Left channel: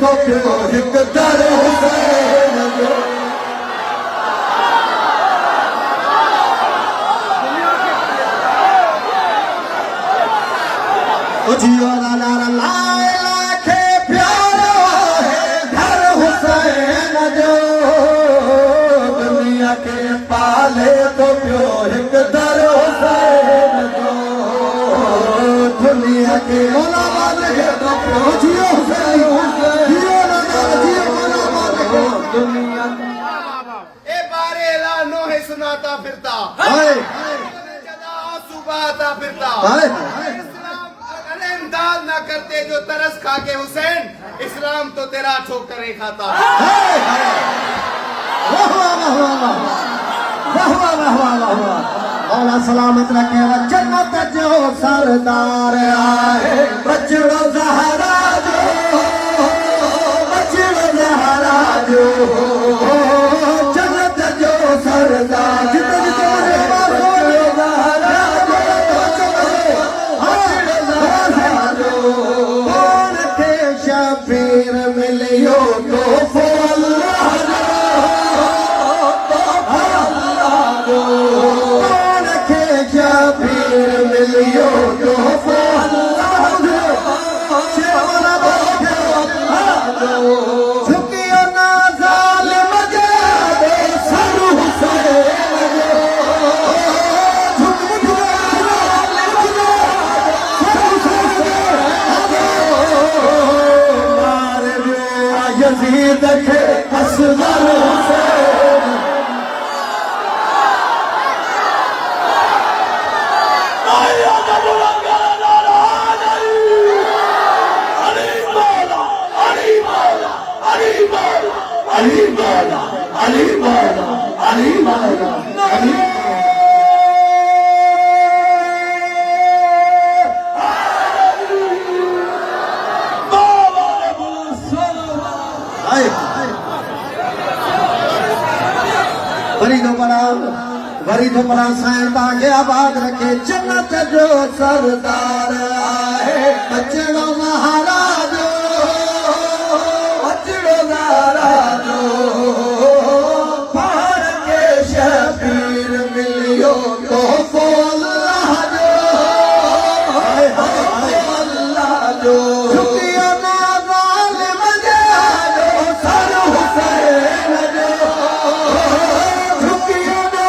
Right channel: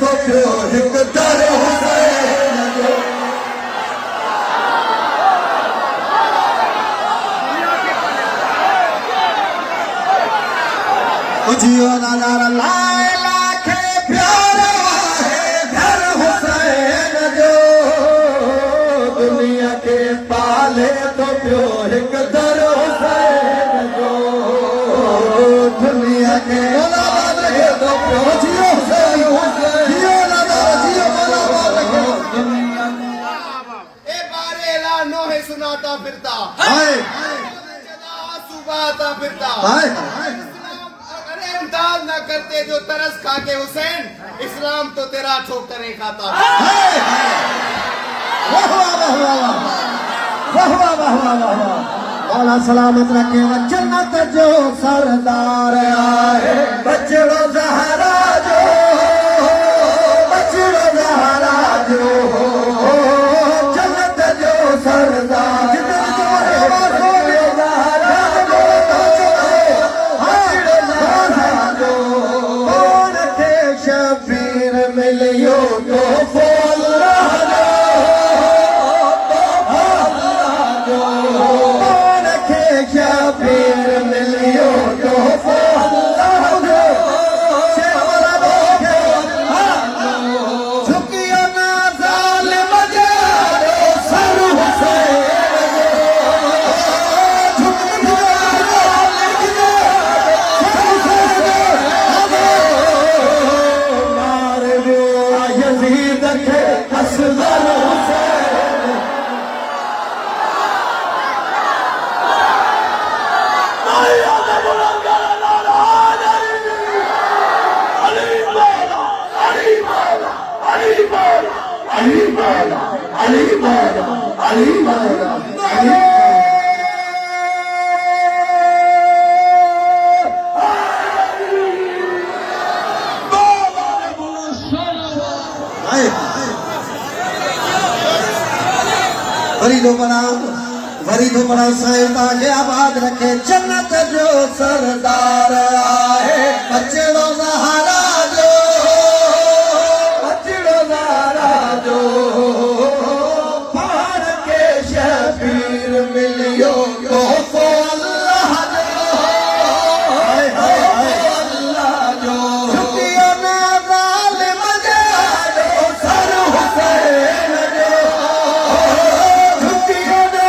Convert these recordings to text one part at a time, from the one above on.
तो प्यो हिक दर हुसैन जो जियो नजर लाला के प्यारो है घर हुसैन जो दुनिया के पाले तो प्यो हिक दर हुसैन जो दुनिया के मोला वाले तो प्यो जियो जियो नजर जियो मोला वाले दुनिया ए बारे ऐलानो है सुनाता फिरता हाय आंसू बहाता फिरता हाय अरे इमदाद ना करते जो तरस खा के हुसैन इस्लाम तो तेरा ठोकरें खाता मौला सलामत रखे जन्नत जो सरदार आए बचड़ो ज़हरा जो बचड़ो ज़हरा जो जन्नत जो सरदार शबीर मिलियो तो अल्लाह जो रखे शबीर मिलियो तो झुकियो ना ज़ालिम जे सर हुसैन यज़ीद के असगर हुसैन माया दा बुलंदर नारा अली मौला अली मौला अली मौला अली मौला अली मौला अली मौला अली वरीदो बड़ा साईं ताके आबाद रखे जन्नत जो सरदार आए बचड़ो ज़हरा जो बचड़ो ज़हरा जो पार के शबीर मिलियो तो अल्लाह जो हाय हाय हाय अल्लाह जो झुकियो ना ज़ालिम जे सर हुसैन जो झुकियो ना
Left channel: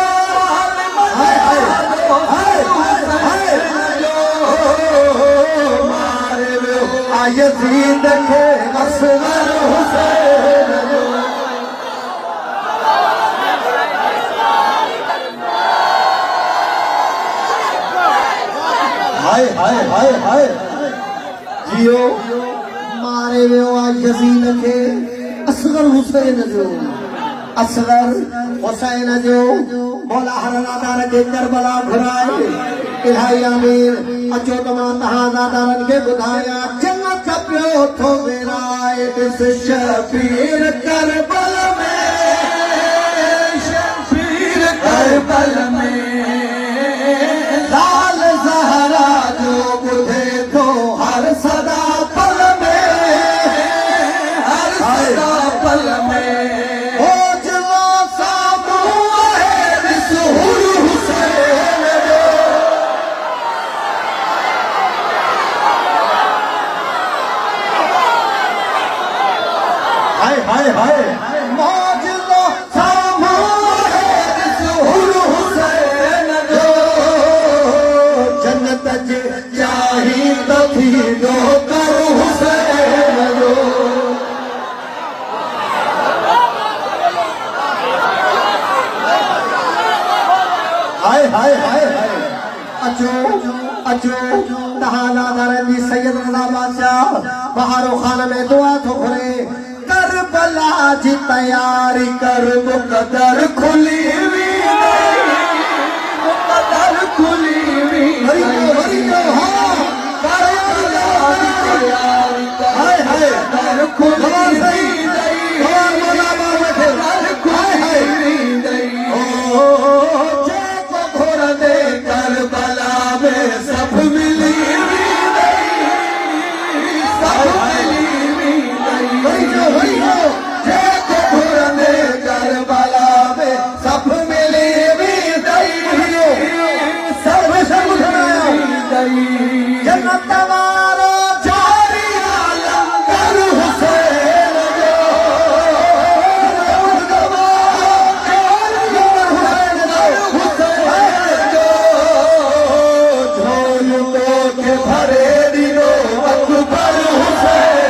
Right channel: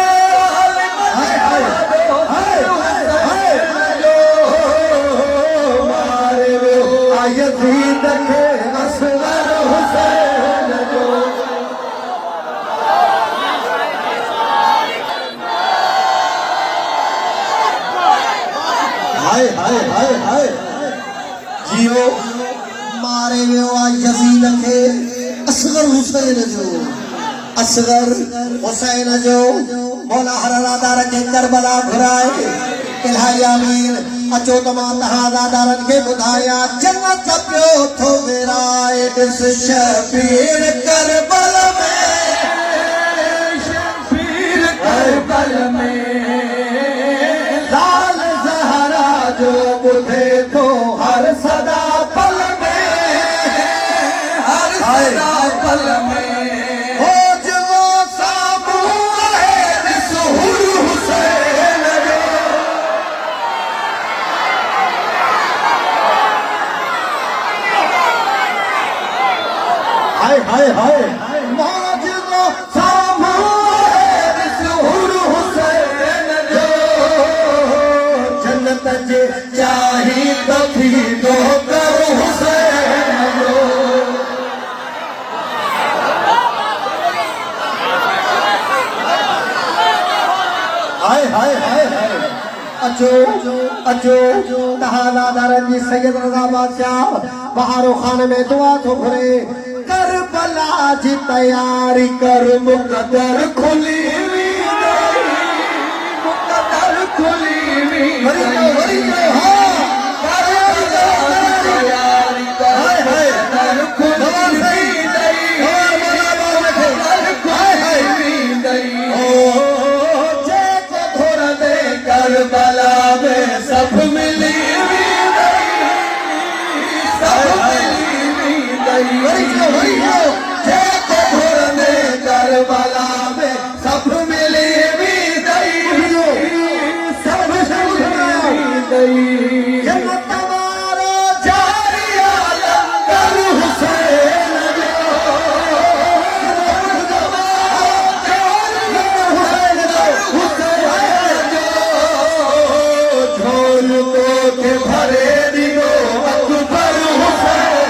यज़ीद के असगर हुसैन हाय हाय हाय हाय जियो मारे यज़ीद के असगर हुसैन जो असगर हुसैन जो मौला हरादार के करबला घुराए इलाही आमीन अचो तमाम तहादारन के बुधाया जन्नत पियो थो मेरा एक शबीर करबल में शबीर करबल में लाल ज़हरा जो बुधे तो हर सदा पल में हर सदा पल में हो जवा साबू है सुहूर हुसैन जो हाय हाय हाय मौजूदा सामूर है सुहूर हुसैन जो जन्नत जे चाही बधी दो करो हुसैन जो हाय हाय हाय हाय अचो अचो तहादार जी सैयद रज़ा बादशाह बहारो खान में दुआ थो करे करबला जी तैयारी कर मुक़द्दर खुली हुई मुक़द्दर खुली हुई हरि हाँ करबला जी तैयारी हाय हाय खुली हुई करबला में सब मिली सब मिली करबला में सब मिली भी जन्नत वारो जोरिया लंगर हुसैन झोल तो के भरे दिलो अकबर हुसैन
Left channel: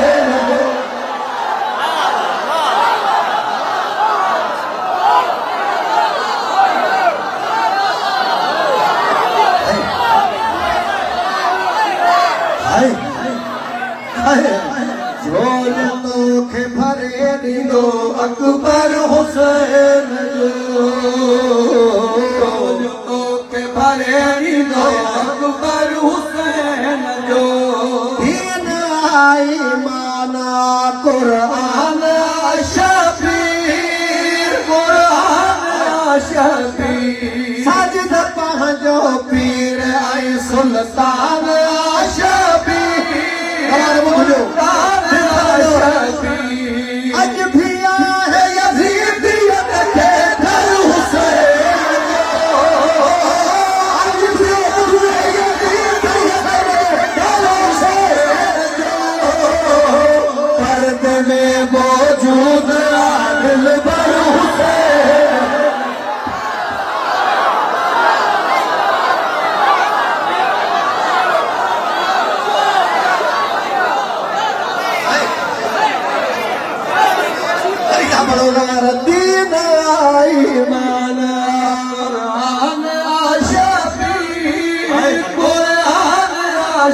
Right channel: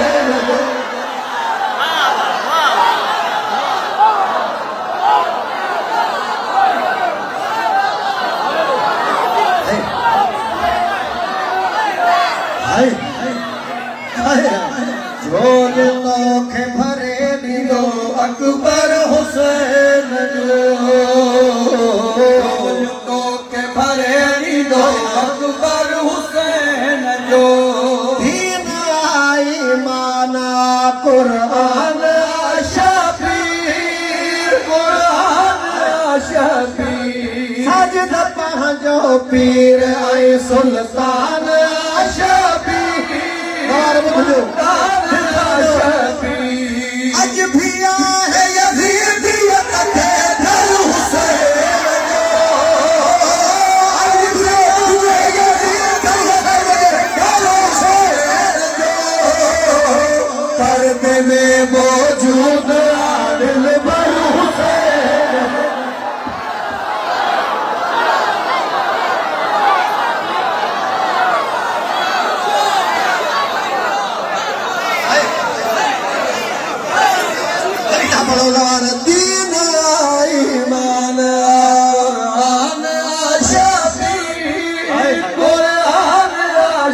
झोल तो के भरे दिलो अकबर हुसैन झोल तो के भरे दिलो अकबर हुसैन जो दीन आई माना कुरान शफीर कुरान शफीर सजद पहुंचो पीर आई सुल्तान आज भी है यजीदियत के दर हुसैन आज भी है यजीदियत के दर हुसैन पर्दे में मौजूद दिल भर हुसैन बड़ोदार दीन ईमान कुरान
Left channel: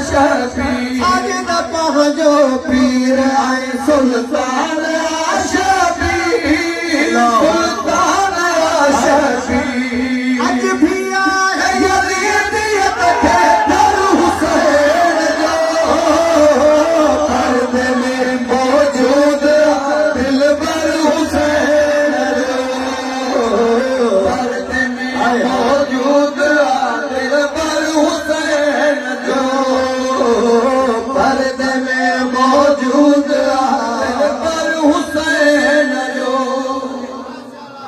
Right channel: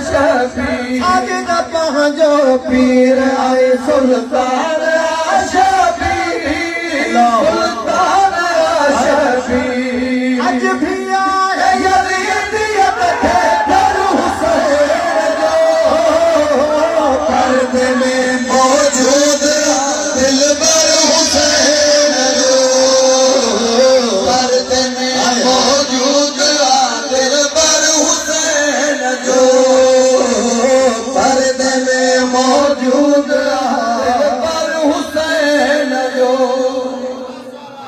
शफी सजद पहुंचो पीर